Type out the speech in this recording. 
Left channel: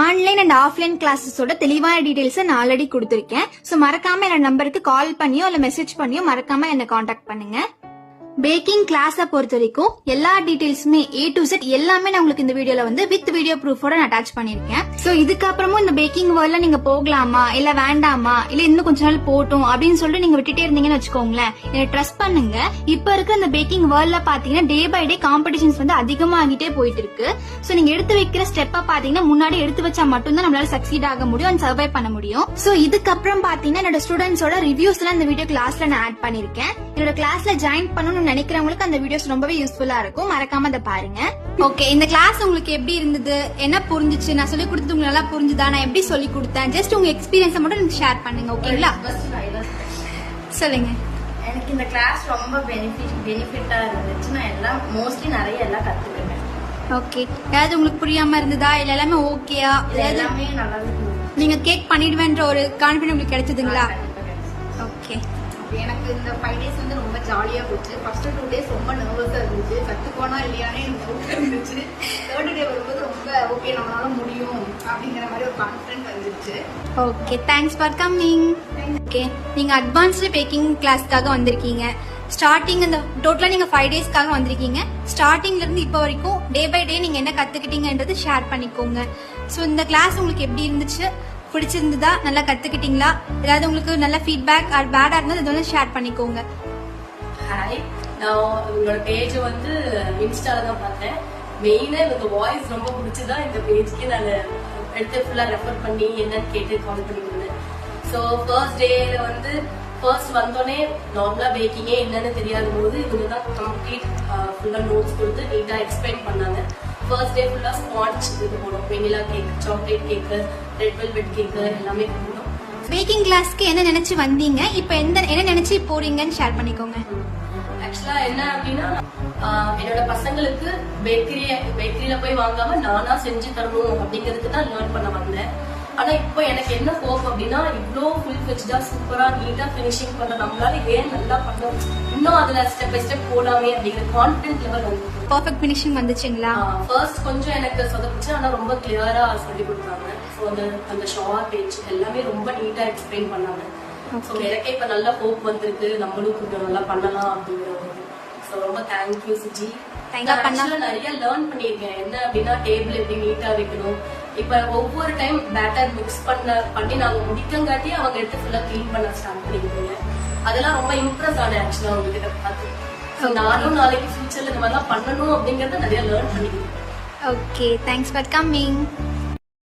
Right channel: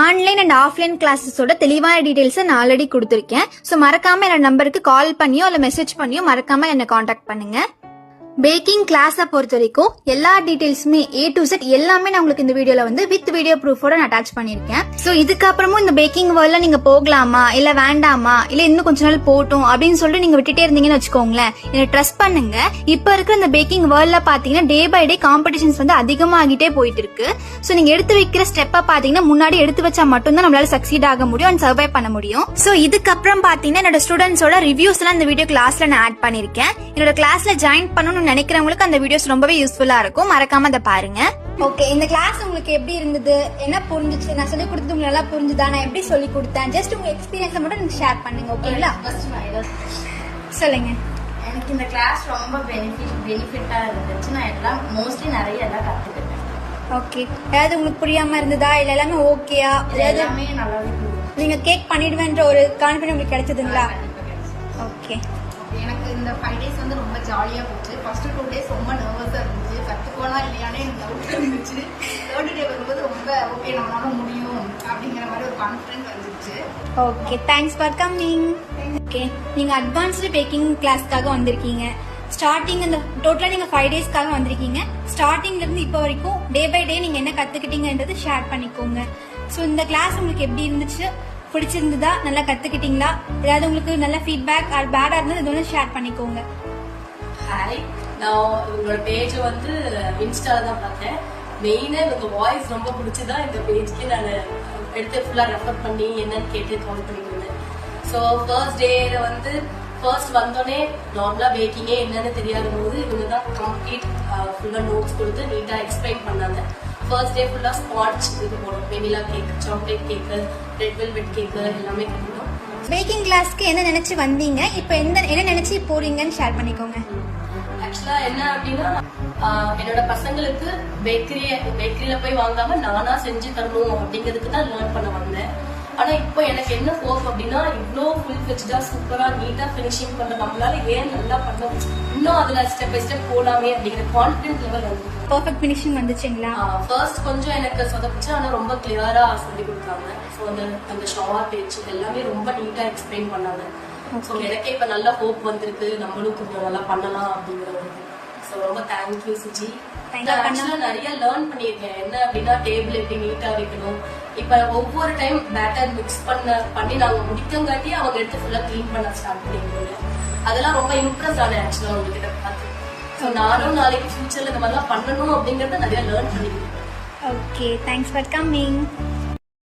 Online and offline கிளாஸஸோட தெளிவான details நான் already கொடுத்துருக்கேன். ஸோ மறக்காம என்னோட நம்பருக்கு கால் பண்ணியோ இல்லை மெசேஜ் பண்ணியோ மறக்காம என்னை காண்டாக்ட் பண்ணுங்க. பேக்கிங் கிளாஸை பொறுத்த வரைக்கும் எல்லா டீடைல்ஸுமே A to Z எல்லாமே நான் உங்களுக்கு இந்த வீடியோல வந்து வித் வீடியோ ப்ரூஃபோட நான் அட்டாச் பண்ணிருக்கேன். ஸோ இதுக்கப்புறமும் இந்த பேக்கிங் வேர்ல்ட்ல நீங்க போகலாமா இல்ல வேண்டாமா இல்ல இன்னும் கொஞ்ச நாள் போட்டும் அப்படின்னு சொல்லிட்டு நீங்க விட்டுட்டே இருந்தீங்கன்னு வச்சுக்கோங்களேன், நீங்க ட்ரஸ்ட் பண்ணுங்க. இப்ப இருக்க இந்த பேக்கிங் வேர்ல்ட்ல பாத்தீங்கன்னா டே பை டே காம்படிஷன்ஸ் வந்து அதிகமாகிட்டே போயிட்டு இருக்கு. ஸோ நீங்க எடுத்து வைக்கிற ஸ்டெப்பை பாத்தீங்கன்னா முன்னாடி எடுத்து வச்சா மட்டும்தான் நம்மளால சக்சீட் ஆக முடியும் அண்ட் சர்வை பண்ண முடியும். ஸோ இதுக்கப்புறம் பாத்தீங்கன்னா என்னோட ஸ்டூடெண்ட்ஸோட ரிவ்யூஸ் எல்லாம் இந்த வீடியோ கிளாஸ்ல நான் ஆட் பண்ணிருக்கேன். என்னோட கிளாஸ்ல ஜாயின் பண்ணணும்னு நினைக்கிறவங்களுக்கு அந்த வீடியோஸ் ரொம்பவே யூஸ்ஃபுல்லா இருக்கும். மறக்காம அதை பாருங்க. ஓகே, இந்த கிளாஸ் உங்களுக்கு எப்படி இருந்தது, என்ன புரிஞ்சுச்சு, நான் சொல்லி கொடுத்தது உங்களுக்கு நல்லா புரிஞ்சுதா, நான் எப்படி சொல்லி கொடுத்தேன், ஜஸ்ட் உங்க எக்ஸ்பீரியன்ஸை மட்டும் எனக்கு ஷேர் பண்ணுங்க. ஓகேங்களா? சொல்லுங்க. எனக்கு இந்த கிளாஸ் ரொம்ப பெனிஃபிட்டா இருந்துச்சு. நான் எல்லாம் மோஸ்ட்லி நிறைய எல்லாம் கத்துக்கிட்டேன். ஓகே, ஏதாவது உங்களுக்கு புரியாம இருந்ததா இல்ல எல்லாமே ஓகேயா? எல்லாமே நல்லா நீங்க கேக் பண்ணிடுவேன்ற ஒரு கான்ஃபிடன்ஸ் உங்களுக்கு கிடைச்சதுங்களா? ஓகே, எனக்கு இந்த 5 days வந்து ரொம்ப ஜாலியா போச்சு. ஃபர்ஸ்ட் 2 days ரொம்ப நர்வஸா இருந்துச்சு, கத்துக்கோனா இல்லையானே எனக்கு டவுட் இருந்துச்சு. 3rd day வரும்போது ரொம்ப ஓகே நம்மளால முடியும் அப்படிங்கிற மாதிரி ஒரு கான்ஃபிடன்ஸ் வந்துருச்சு. Okay, thanks for coming. Okay, நீங்க அட்வான்ஸ்டு பேக்கிங் கிளாஸ்க்காக வந்திருக்கீங்க. ஸ்டார்டிங் இந்த டோட்டலா நீங்க 5 daysக்காக வந்திருக்கீங்க. ஸ்டார்டிங்ல இருந்து இப்போ வரைக்கும் டே பை டே நீங்க என்ன கத்துக்கிட்டீங்கன்றது ஷேர் பண்ணிக்கோங்க. ஸோ இந்த கிளாஸ் உங்களுக்கு எப்படி இருந்துச்சு, பிடிச்சிருந்ததா, நல்லா கத்துக்கிட்டீங்களா, ஏதாவது உங்களுக்கு நல்ல ஃபீட்பேக் ஆர் பேடா இருந்தது இதெல்லாம் ஷேர் பண்ணிக்கோங்க. ஹாய், நான் உங்களோட பேஜ் வந்து இன்ஸ்டால தான் பார்த்தேன். மெயினா எனக்கு வாய்ஸ் ரொம்ப பிடிச்சதா இந்த பேஜ்க்கு நான் எடுத்து ஃபுல்லா ரெஃபர் பண்ணி என்னன்னு கேட்டு கால் பண்ணிக்கொண்டேன். ஸோ ஃபர்ஸ்ட் வந்தோடனே நார்மலா பேக்கிங்கே என்னன்னு தெரியாத போது இவங்க தான் கம்ப்ளீட் ஃபுல்லா நோட்ஸ் கொடுத்து நீட்டா எக்ஸ்பிளைன் பண்ணாங்க. ஃபர்ஸ்ட் டே ஃபுல்லா ஸ்பாட்ச் இது போனோம், vanilla cake, chocolate cake, red velvet cake எல்லாமே கொடுத்தோம். பேக்கிங் கிளாஸ்க்கு என்ன நினைச்சு வந்தீங்க, இப்போ என்ன நினைச்சு போறீங்கன்னு ஷேர் பண்ணிக்கோங்க. ஆக்சுவலா என்ன அப்படின்னா என்னோட பசங்களுக்கு பேக்கரியில போய் வாங்காம நானா செஞ்சு தரணும் அப்படிங்கிறதுக்கு தான் லேர்ன் பண்ண வந்தேன். ஆனா இப்போ எனக்கு என்ன ஹோப் அப்படின்னா இவ்வளோ ஃபுல் வச்சுதா சூப்பரா நீட்டா பினிஷிங் பண்ற நம்மளால ஏன் நல்லா பண்ணணும், இன்னும் அதுல ஸ்டெப் பை ஸ்டெப் போடாமே அப்படிங்கிற கான்பிடன்ஸ் லெவல் வந்து பர்ஃபெக்ட் பினிஷிங் வந்துச்சுங்களா? ஃபர்ஸ்ட் கொஞ்சம் எனக்கு சொதப்பிச்சு, ஆனா ரொம்ப கிளியரா சொல்லி கொடுத்தாங்க. ஸோ அந்த ஷார்ட் பேஜ் எல்லாமே ரொம்ப நீட்டா எக்ஸ்பிளைன் பண்ணாங்க. ஸோ எனக்கே இப்ப நல்ல ஹோப் வந்திருக்கு, நம்மளும் கொஞ்சம் நல்லா பண்ணலாம் அப்படிங்கிற ஒரு. ஸோ ரொம்ப தேங்க்யூ சுஜி. நிறைய லேர்ன் பண்ணிருக்கேன். என்ன அப்படின்னா டேபிள் எப்படி நீட்டா வைக்கணும், இப்ப ஒவ்வொரு டைம் பேட்டர் மிக்ஸ் பண்ணி நாங்க முடிக்கங்காட்டி அவங்க எடுத்து ஃபுல்லா கிளீன் பண்ண ஸ்டார்ட் பண்ணிருக்கீங்க. அதெல்லாம் ரொம்ப இம்ப்ரெஸ் ஆனேன் ஆக்சுவலா உங்ககிட்ட பார்த்து. நானும் நாளைக்கு ஃபியூச்சர்ல இந்த மாதிரிலாம் பண்ணணும் அப்படிங்கறத நிறைய லேர்ன் பண்ணிருக்கேன். Okay, thanks for coming.